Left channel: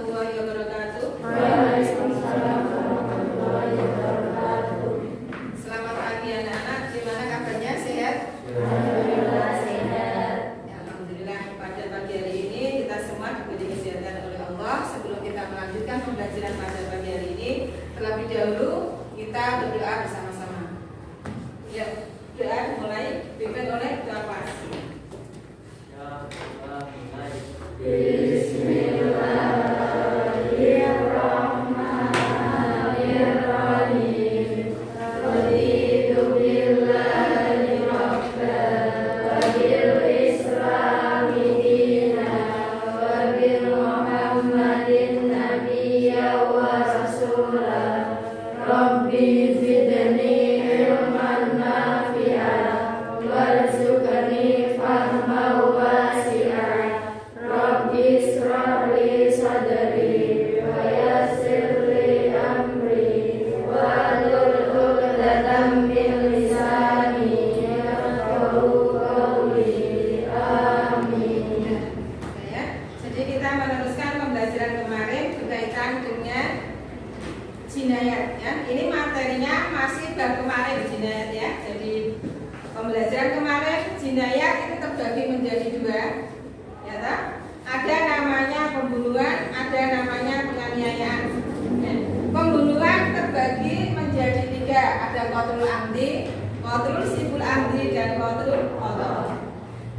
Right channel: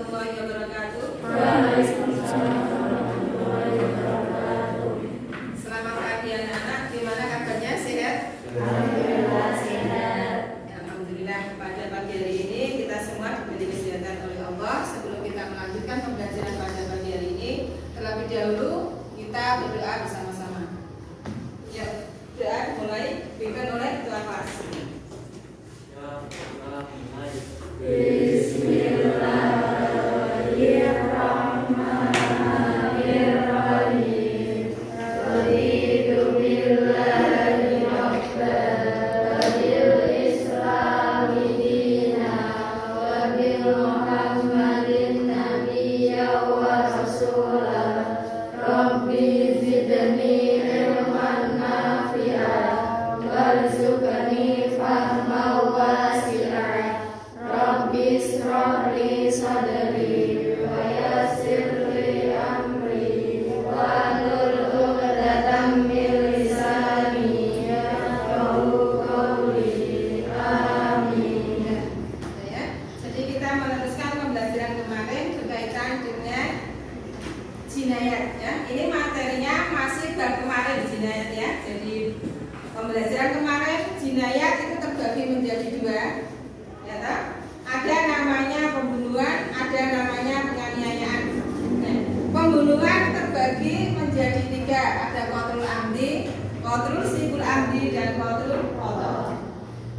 warahmatullahi wabarakatuh. Waalaikumsalam warahmatullahi wabarakatuh. Selamat pagi anak-anak. Gimana kabarnya? Sehat? Alhamdulillah sehat. Alhamdulillah. Pada pagi hari ini kita semua diberi kesehatan oleh Allah. Sebelum kita melanjutkan pembelajaran pada pagi hari ini, terlebih dahulu kita berdoa bersama-sama. Ya, doa dimulai diberikan oleh ketua kelas. Bismillahirrahmanirrahim. Raditu billahi rabban wa bil islami dinan wa bil muhammadin nabiyyan wa rasulan. Rabbi zidni ilman nafi'an warzuqni fahman wasi'an. Rabbi ishrah li sadri wa yassir li amri wahlul 'uqdatam min lisani yafqahu qawli. Amin. Ya. Jadi kita meneruskan pembelajaran kemarin berkaitan dengan jinayat ya. Ini materinya masih bab kemarin jinayat ya. Jadi pembelajaran kemarin jinayat itu terbagi menjadi dua. Ya toh? Ada namanya pembunuhan, ada namanya penganiayaan. Ya. Pembunuhan terbagi menjadi tiga. Ada qatlul amdi, qatlul sibul amdi, dan qatlul khata'.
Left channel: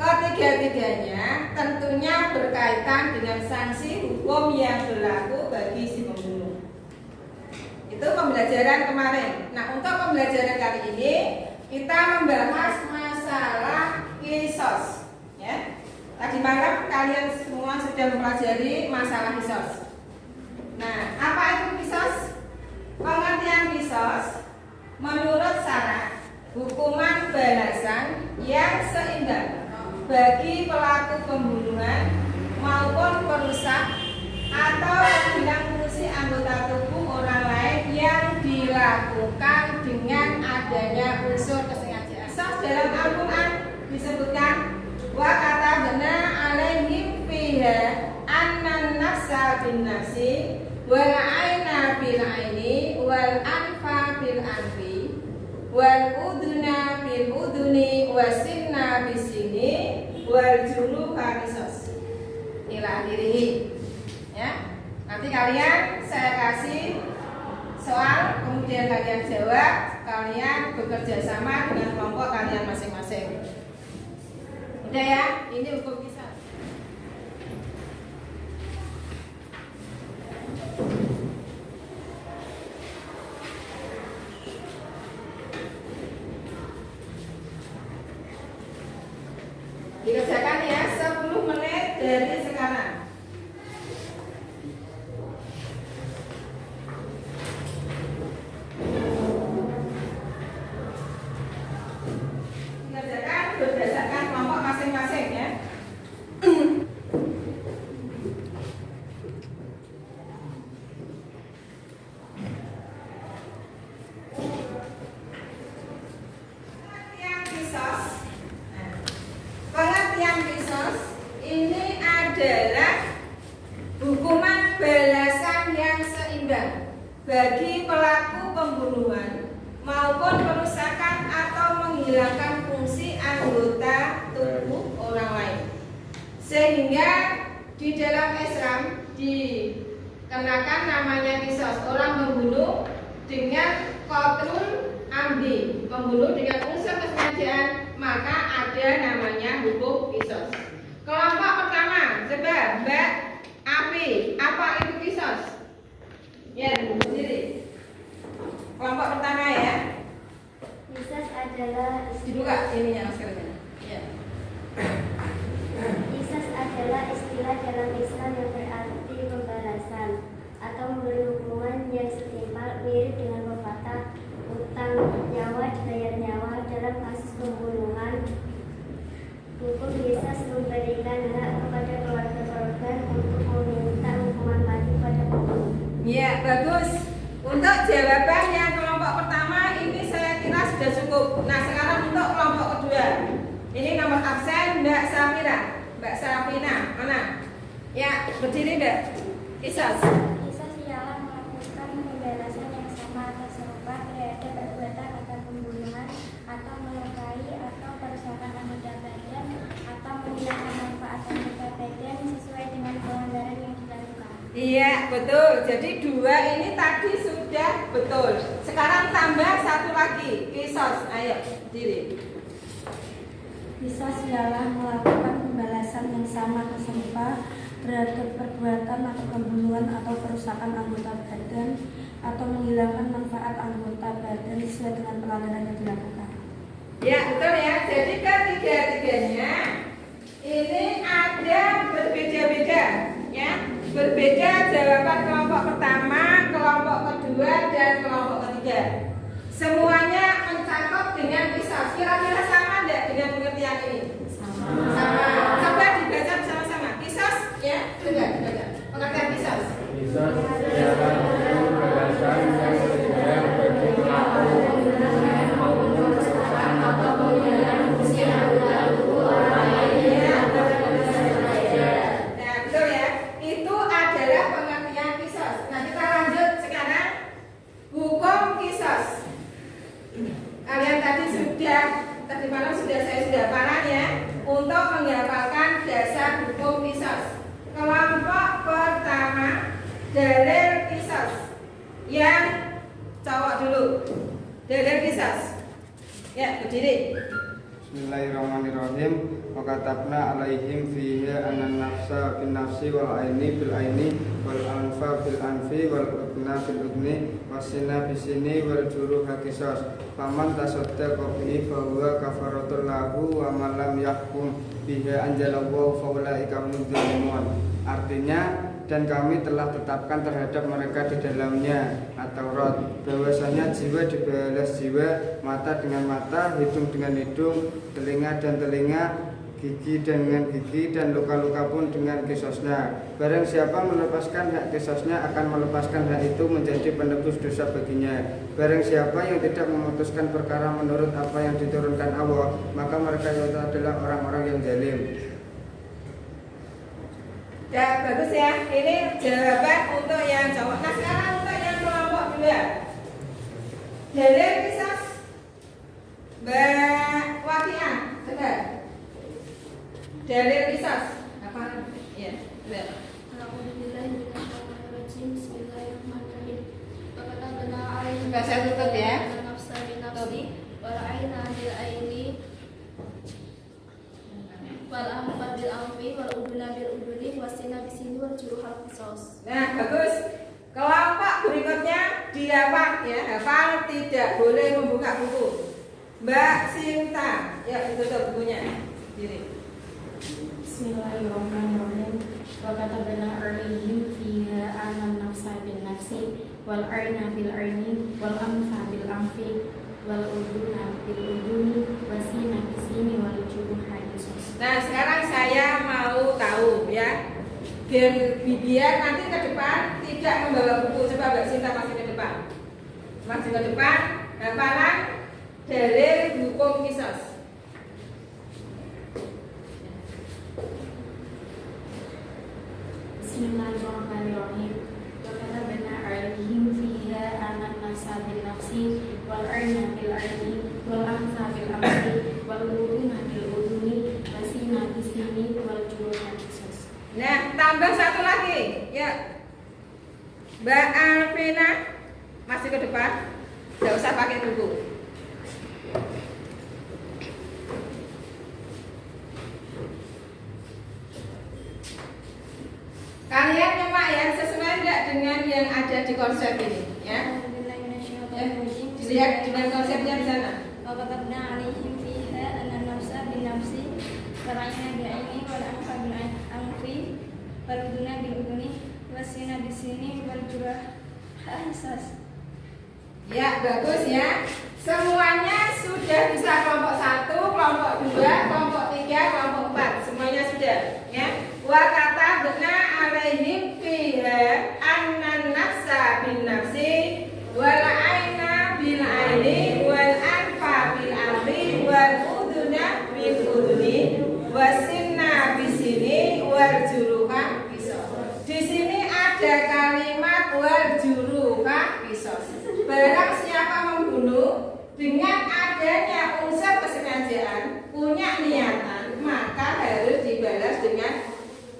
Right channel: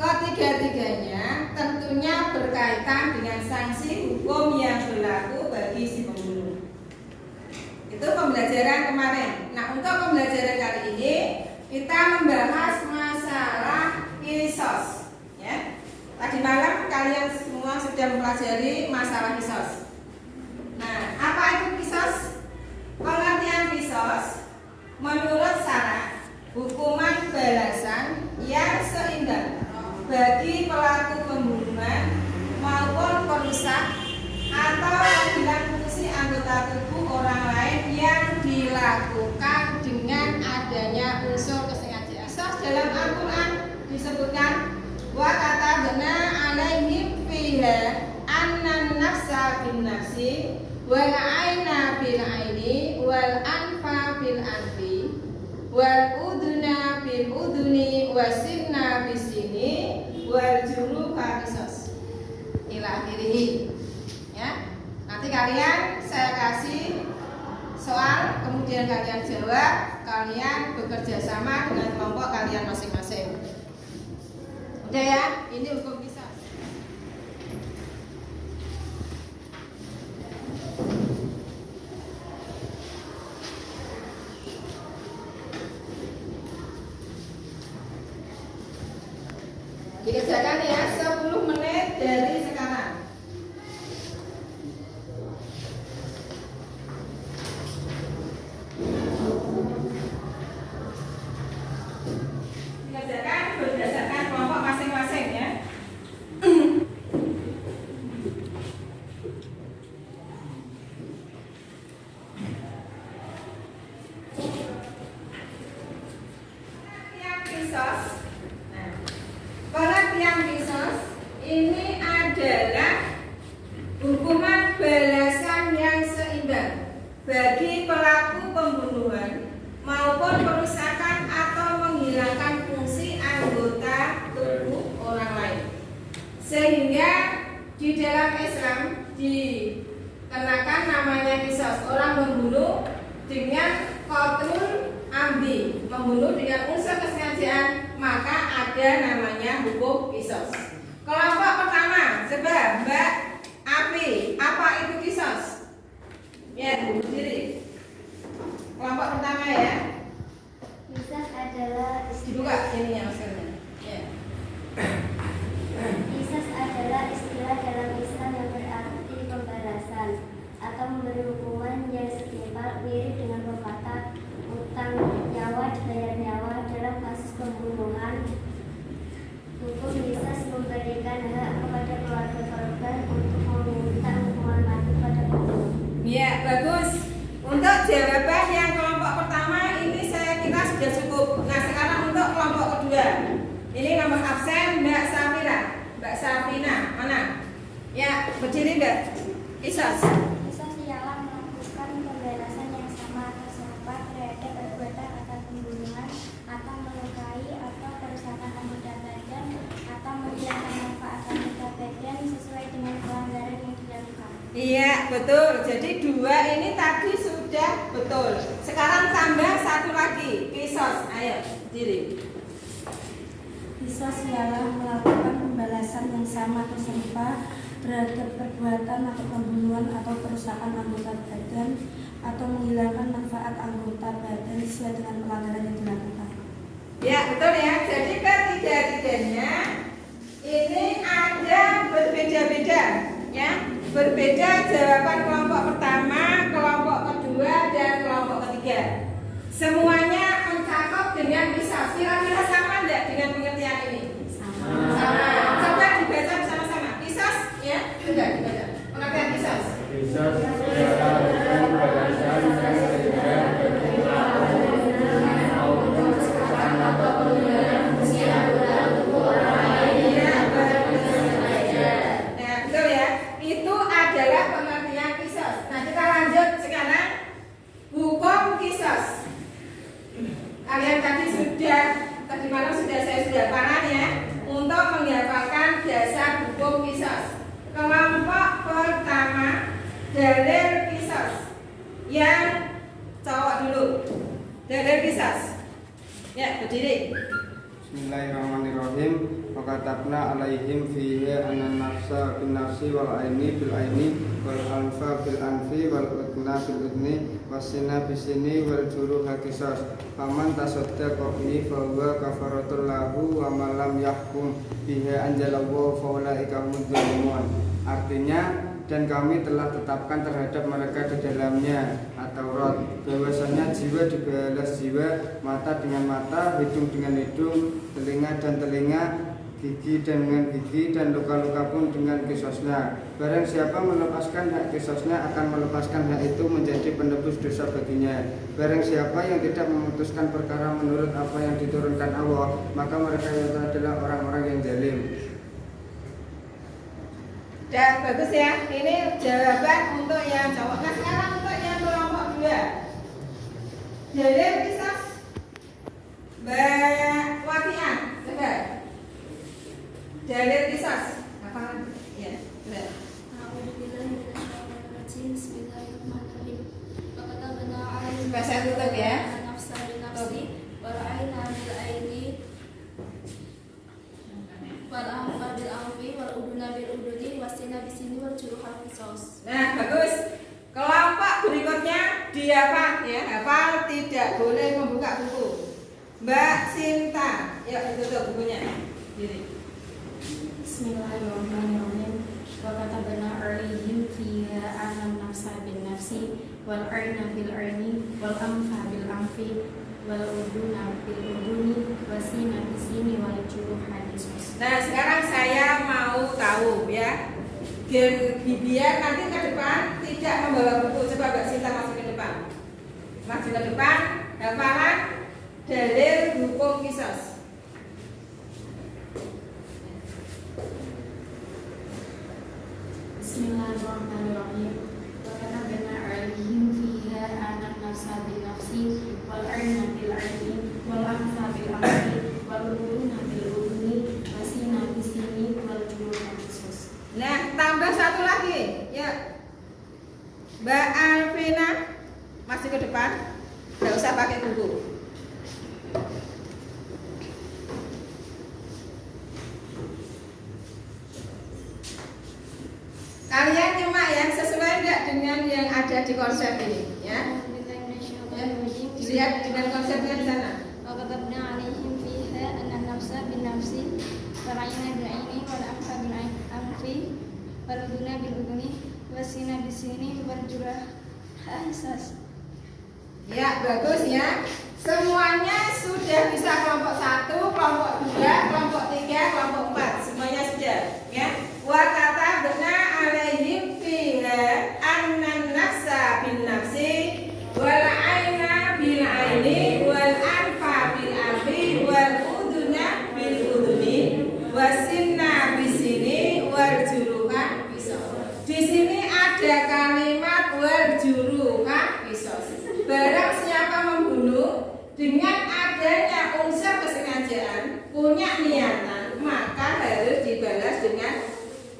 Ketiga-tiganya tentunya berkaitan dengan sanksi hukum yang berlaku bagi si pembunuh. Itu pembelajaran kemarin. Nah, untuk pembelajaran kali ini kita membahas masalah kisos. Ya. Tadi malam kalian semua sudah mempelajari masalah kisos. Nah, apa itu kisos? Pengertian kisos menurut syarat hukuman balasan yang seimbang bagi pelaku pembunuhan maupun perusak atau penghilang fungsi anggota tubuh orang lain yang dilakukan dengan adanya unsur kesengajaan. Dalam Al-Quran disebutkan wa katabna alaihim fiha annan nafsa bin nafsi wal aina bil aini wal anfa bil anfi wal uduna bil uduni wasinna bis sini wal juruha qisas ila akhirih. Ya. Nanti kalian saya kasih soal, kemudian kalian jawab, kalian bekerja sama dengan kelompok kalian masing-masing. Udah ya, ini hukum kisah. Dikerjakan ya 10 menit dari sekarang. Dikerjakan berdasarkan kelompok masing-masing ya. Pengertian kisos. Nah, pengertian kisos ini adalah hukuman balasan yang seimbang bagi pelaku pembunuhan maupun perusakan atau menghilangkan fungsi anggota tubuh orang lain. Sehingga di dalam Islam dikenakan namanya kisos, orang membunuh dengan qatlul amdi, membunuh dengan unsur kesengajaan, maka ada namanya hukum kisos. Kelompok pertama, coba Mbak Api, apa itu kisos? Ya, sendiri. Kelompok pertama ya. Qisas adalah Dibuka ininya maskernya. Ya. Qisas adalah istilah dalam Islam yang berarti pembalasan atau memberi hukuman yang setimpal, mirip dengan pepatah utang nyawa dibayar nyawa. Dalam kasus pembunuhan, hukum qisas memberikan hak kepada keluarga korban untuk meminta hukuman mati pada pembunuh. Ya, bagus. Untuk jawaban yang kelompok pertama ini saya kira sudah cukup. Nah, sekarang untuk kelompok kedua. Ini nomor absen Mbak Safira. Mbak Safina, mana? Ya, berdiri Mbak. Oke. Kisos. Kisos ialah melakukan pembalasan yang sama atau serupa terhadap perbuatan atau pembunuhan atau melukai atau perusakan anggota badan atau menghilangkan manfaat anggota badan sesuai dengan pelanggaran yang dilakukan. Iya, betul. Jadi dua ini tadi sudah betul. Sekarang tambah satu lagi, kisos. Ayo, diri. Kisos ialah melakukan pembalasan yang sama atau serupa terhadap perbuatan atau pembunuhan atau perusakan anggota badan atau menghilangkan manfaat anggota badan sesuai dengan pelanggaran yang dilakukan. Ya, betul ya. Jadi ketiga-tiganya ini ada berbeda-beda, ya. Berbeda jawaban kelompok pertama, kelompok kedua, dan kelompok ketiga. Semuanya mencakup dengan kisos. Kira-kira sama enggak dengan pengertian ini? Sama. Coba dibaca bersama-sama. Kisos, ya. Coba dibaca. Pengertian kisos. Kisos ialah pembalasan yang tidak Nah, betul ya. Itu adalah pengertian kisos. Nah, kita lanjut sekarang hukum kisos. Kalian tadi malam saya sudah paham ya untuk menghafalkan dasar hukum kisos. Kelompok pertama dalil kisos. Yang cowok dulu. Dalil kisos. Ya, berdiri. Bismillahirrahmanirrahim. Wa katabna alaihim fihi anan nafsa bin nafsi wal aini bil aini wal anfa bil anfi wal udna bil udni wasina bisini wal juruha qisas. Faman tasaddaqa bihi fa huwa kafaratul lahu wa man lam yahkum bihi anjalallahu fa ulaika humuz zalimun. Artinya, dan kami telah tetapkan terhadap mereka di dalamnya At-Taurat bahwasanya jiwa dibalas jiwa, mata dengan mata, hidung dengan hidung, telinga dan telinga, gigi dengan gigi, dan luka-luka pun dengan kisosnya. Barang siapa melepaskan hak kisosnya akan melepaskan hak itu menjadi penebus dosa baginya. Barang siapa yang tidak memutuskan perkara menurut apa yang diturunkan Allah, maka mereka itu adalah orang-orang yang zalim. Dan bagus ya, ini jawaban untuk yang cowok. Nah, sekarang untuk yang kelompok dua. Dalil kisos Mbak Wakiah, coba. Dalil kisos apa? Ya, benar. Bismillahirrahmanirrahim. Wakatabna alaihim Coba saya tutup ya. nafsa bin nafsi wal aina bil aini wal anfa bil anfi wal uduna bil uduni wasina bisini wal juruhal qisas. Nah, bagus. Kelompok berikutnya dihafal ya, hafal, tidak boleh membuka buku. Mbak Sinta, ya ditutup bukunya. Diri. Bismillahirrahmanirrahim. Wa katabna alaihim fiha anan nafsa bin nafsi wal aina bil aini wal anfa bil anfi wal uduna bil uduni wasina bisini wal juruha qisas. Nah, sekarang saya mau tahu ya, biar nanti ke depan tidak membawa buku. Coba Mbak Sinta masih ke depan. Masih ke depan, hafalan dalil hukum kisos. Bismillahirrahmanirrahim. Wa katabna alaihim fiha anan nafsa bin nafsi wal aina bil aini wal anfa bil anfi wal uduna bil uduni wasina bisini wal juruha qisas. Nah, tambah satu lagi ya, Mbak Alvina masih ke depan, nggak usah pakai buku. Kalian nyemak ya, sesuai nggak dengan yang ada di konsep ini ya? Dilihat dengan konsepnya di sana. وكتبنا عليهم فيها أن النفس بالنفس والعين بالعين والأنف بالأنف والأذن بالأذن والسن بالسن والجروح قصاص. Ya, bagus ya. Semuanya sudah bisa kelompok 1, kelompok 2, kelompok 3, kelompok 4. Semuanya sudah ya. Wa katabna alaihim fiha annan nafsa bin nafsi wal aina bil aini wal anfa bil anfi wal uduna bil uduni wasinna bisini wal juruha qisas. Di sini ada ada kalimat wal juruha kisos. Barang siapa membunuh dengan adanya unsur kesengajaan, punya niatan, maka harus dibalas dengan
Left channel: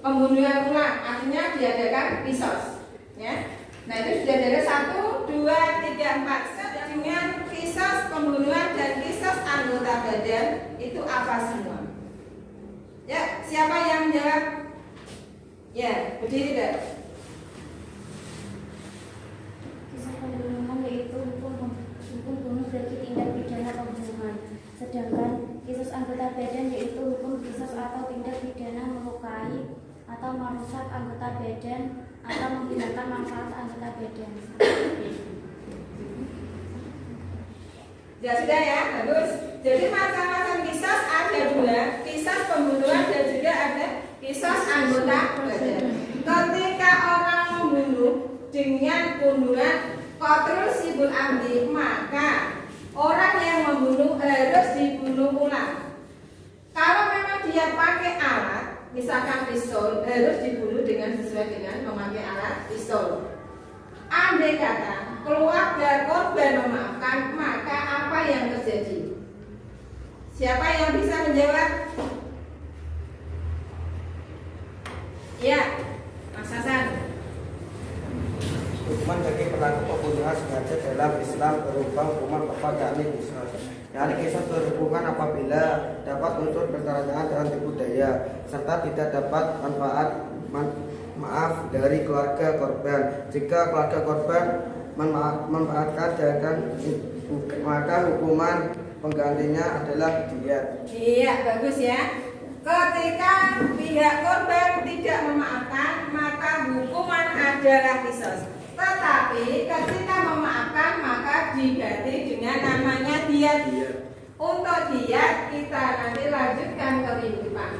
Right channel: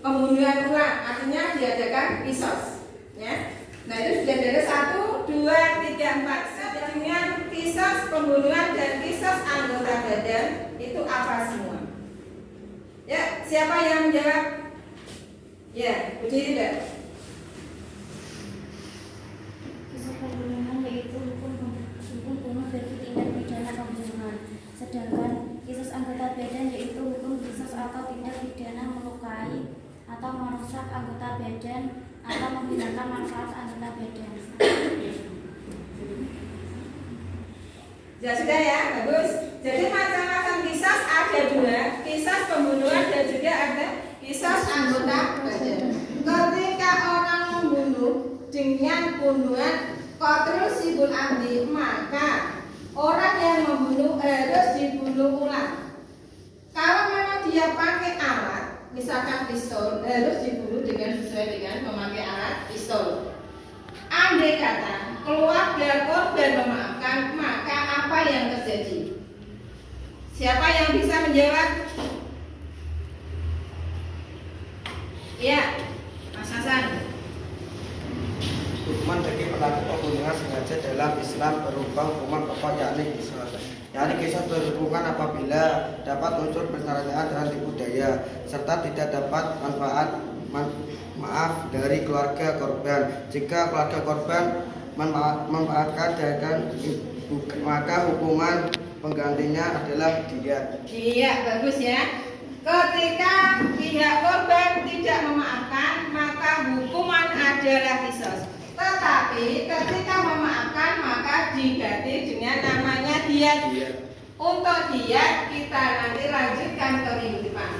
pembunuhan ulang. Artinya diadakan kisos. Ya. Nah itu sudah dari 1, 2, 3, 4. Dengan kisos pembunuhan dan kisos anggota badan itu apa semua? Ya, siapa yang menjawab? Ya, Budi tidak. Kisah pembunuhan yaitu hukum bunuh bagi tindak pidana pembunuhan. Sedangkan kisos anggota badan yaitu hukum kisos atau tindak pidana melukai atau merusak anggota badan atau menghilangkan manfaat anggota badan. Ya sudah ya, bagus. Jadi macam-macam kisos ada 2, kisos pembunuhan dan juga ada kisos anggota badan. Ketika orang membunuh dengan pembunuhan qatlul sibul amdi, maka orang yang membunuh harus dibunuh ulang. Kalau memang dia pakai alat, misalkan pistol, harus dibunuh dengan sesuai dengan memakai alat pistol. Andai kata keluarga korban memaafkan, maka apa yang terjadi? Siapa yang bisa menjawab? Ya, Mas Hasan. Hukuman bagi pelaku pembunuhan sengaja dalam Islam berupa hukuman pokok yakni qisas. Yakni qisas berhubungan apabila dapat unsur pertanyaan dengan tipu daya serta tidak dapat maaf dari keluarga korban. Jika keluarga korban memanfaatkan dengan maka hukuman penggantinya adalah diat. Iya, bagus ya. Ketika pihak korban tidak memaafkan, maka hukuman adalah qisas. Tetapi ketika memaafkan, maka diganti dengan namanya diat. Untuk diat kita nanti lanjutkan ke minggu depan.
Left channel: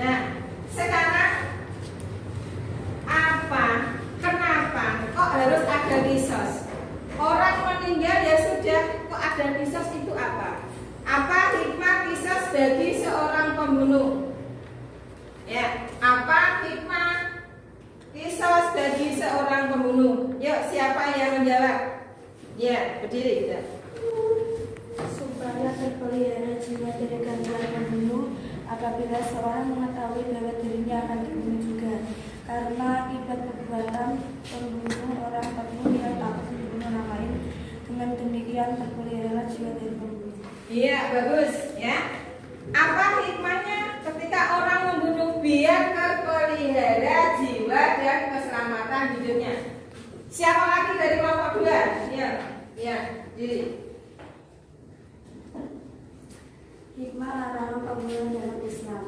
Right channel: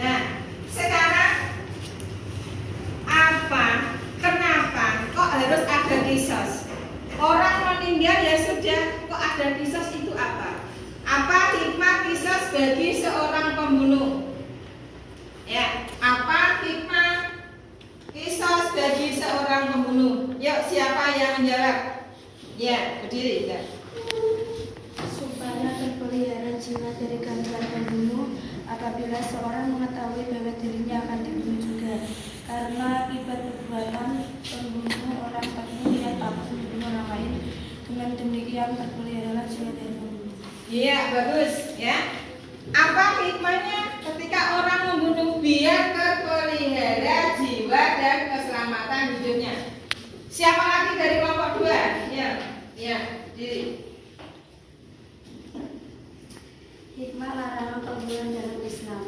Nah, sekarang kenapa kok harus ada qisas? Orang meninggal ya sudah, kok ada qisas itu apa? Apa hikmah qisas bagi seorang pembunuh? Ya, apa hikmah qisas bagi seorang pembunuh? Yuk, siapa yang menjawab? Ya, berdiri ya. Supaya terpelihara jiwa dari gangguan pembunuh apabila seorang mengetahui bahwa dirinya akan dibunuh juga. Karena akibat perbuatan pembunuh orang tersebut yang takut membunuh orang lain, dengan demikian terpelihara jiwa dari pembunuh. Iya, bagus ya. Apa hikmahnya ketika orang membunuh? Biar terpelihara jiwa dan keselamatan hidupnya. Siapa lagi dari kelompok 2? Ya, diri. Hikmah larangan pembunuhan dalam Islam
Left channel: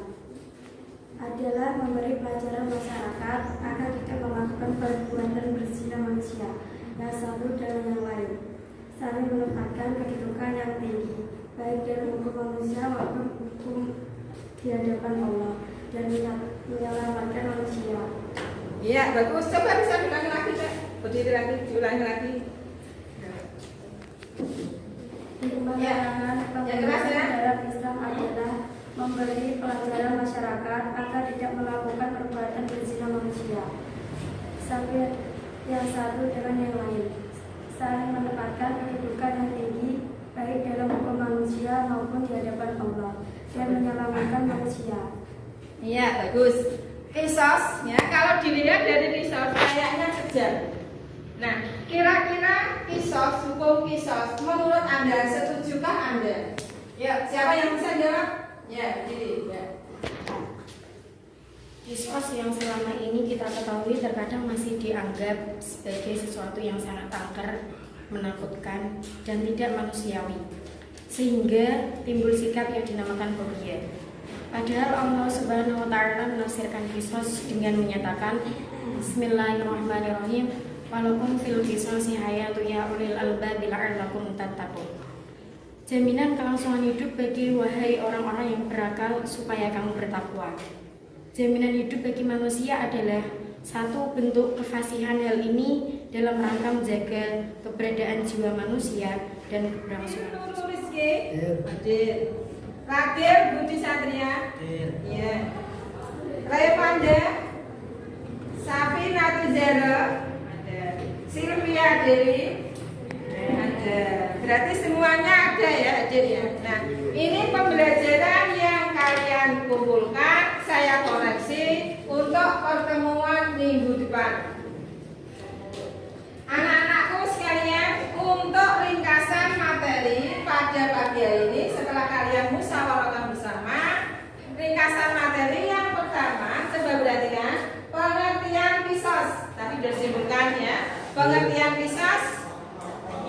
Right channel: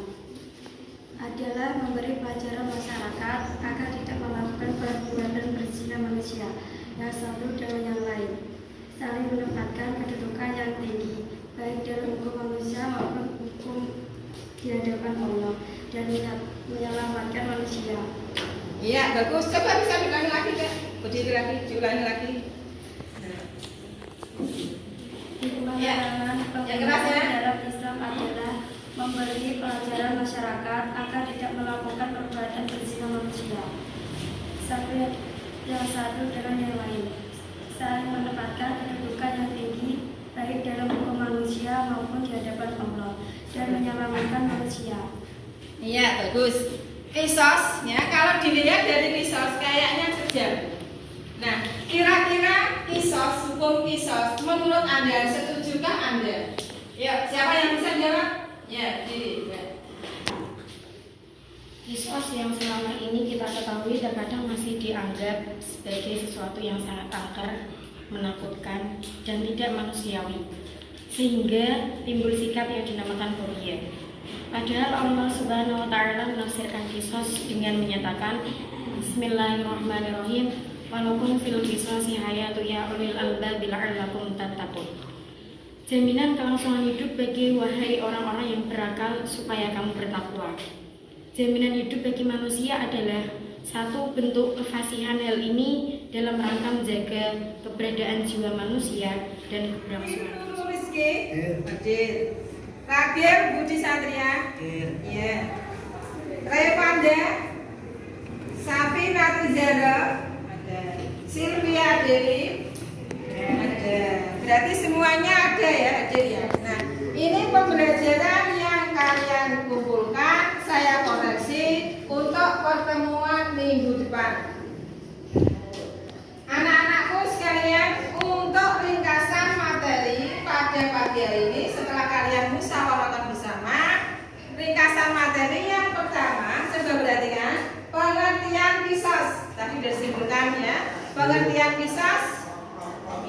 adalah memberi pelajaran masyarakat agar tidak melakukan perbuatan berzina manusia yang satu dengan yang lain, saling menempatkan kedudukan yang tinggi baik dalam hukum manusia maupun hukum di hadapan Allah, dan menyelamatkan manusia. Iya, bagus. Coba bisa diulangi lagi, Kak. Diulangi lagi. Hikmah Ya. larangan Yang pembunuhan keras ya. dalam Islam adalah memberi pelajaran masyarakat agar tidak melakukan perbuatan berzina manusia sampai yang satu dengan yang lain, saling menempatkan kedudukan yang tinggi baik dalam hukum manusia maupun di hadapan Allah, dan menyelamatkan manusia. Iya, bagus. Qisas ya, kalau dilihat dari qisas kayaknya kejam. Nah, kira-kira qisas, hukum qisas menurut Anda setujukah Anda? Ya, siapa yang bisa jawab? Ya, jadi ya. Qisas yang selama ini kita ketahui terkadang masih dianggap sebagai sesuatu yang sangat angker, menakutkan, dan tidak manusiawi, sehingga timbul sikap yang dinamakan ruqyah. Padahal Allah Subhanahu wa Ta'ala menafsirkan qisas dengan menyatakan Bismillahirrahmanirrahim, walakum fil qisasi hayatu ya ulil albab la'allakum tattaqun. Jaminan kelangsungan hidup bagi wahai orang-orang yang berakal supaya kamu bertakwa. Jaminan hidup bagi manusia adalah satu bentuk kefasihan hal ini dalam rangka menjaga keberadaan jiwa manusia dan keberlangsungan hidup. Rizky, hadir. Terakhir Budi Satria. Iya. Raya Panda. Safina Tizara ada, Sylvia Deli ada. Berarti semuanya ada ya, Hadir ya. Nah, ini pembelajaran yang kalian kumpulkan, saya koreksi untuk pertemuan minggu depan. Anak-anakku sekalian, untuk ringkasan materi pada pagi hari ini setelah kalian musyawarahkan bersama, ringkasan materi yang pertama, coba perhatikan pengertian qisas. Tadi sudah simpulkan ya. Pengertian qisas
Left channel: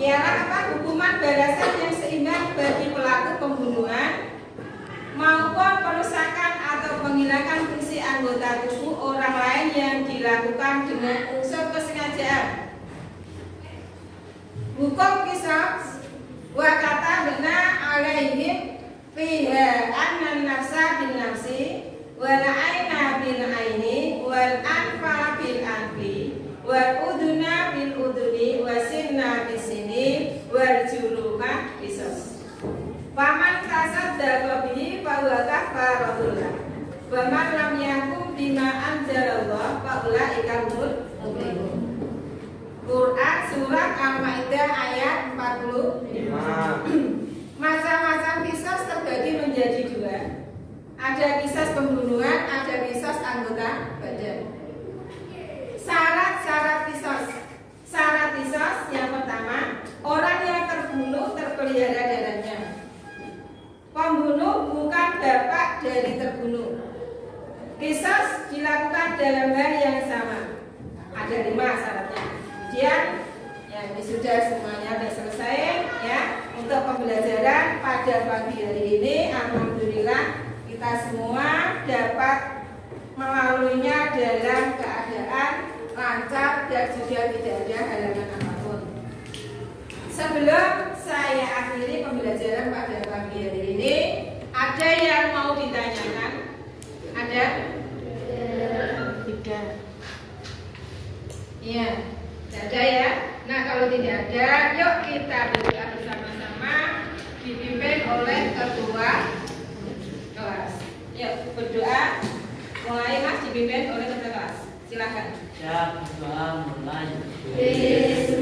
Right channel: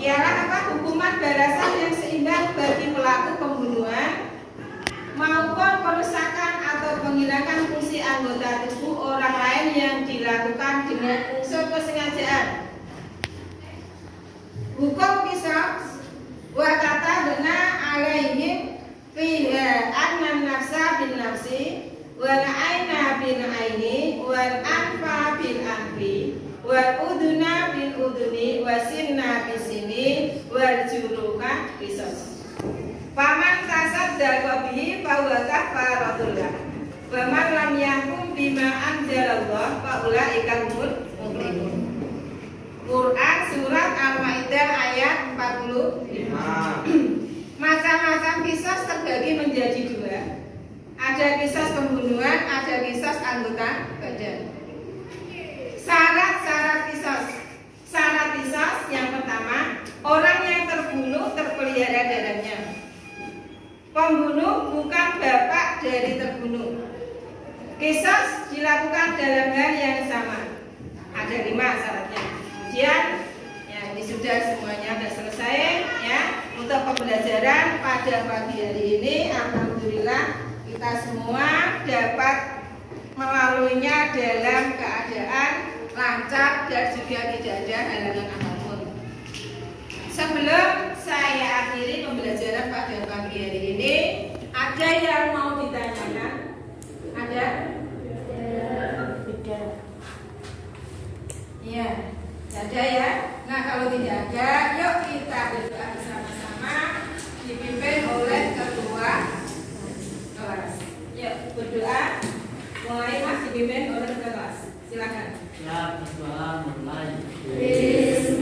ialah apa? Hukuman balasan yang seindah bagi pelaku pembunuhan maupun perusakan atau penghilangan fungsi anggota tubuh orang lain yang dilakukan dengan unsur kesengajaan. Hukum qisas wa katabna alaihim fiha annan nafsa bin nafsi wal aina bil aini wal anfa bil anfi wal uduna bil uduni wasinna bis sini wal juruha qisas. Paman tasaddaqa bihi fa huwa kafaratullah wa man lam yahkum bima anzalallah fa ulaika humul muflihun. Quran surat Al-Maidah ayat 45. Macam-macam qisas terbagi menjadi dua. Ada qisas pembunuhan, ada qisas anggota badan. Syarat-syarat qisas. Syarat qisas yang pertama, orang yang terbunuh terpelihara darahnya. Pembunuh bukan bapak dari terbunuh. Qisas dilakukan dalam hal yang sama. Ada 5 syaratnya. Kemudian ya ini sudah semuanya sudah selesai ya untuk pembelajaran pada pagi hari ini. Alhamdulillah kita semua dapat melaluinya dalam keadaan lancar dan juga tidak ada halangan apapun. Sebelum saya akhiri pembelajaran pada pagi hari ini, ada yang mau ditanyakan? Ada? Tidak. Iya. Tidak ada ya. Nah kalau tidak ada, yuk kita berdoa bersama-sama dipimpin oleh ketua kelas. Yuk berdoa. Mulai Mas dipimpin oleh ketua kelas. Silakan. Ya, berdoa mulai. Bismillahirrahmanirrahim.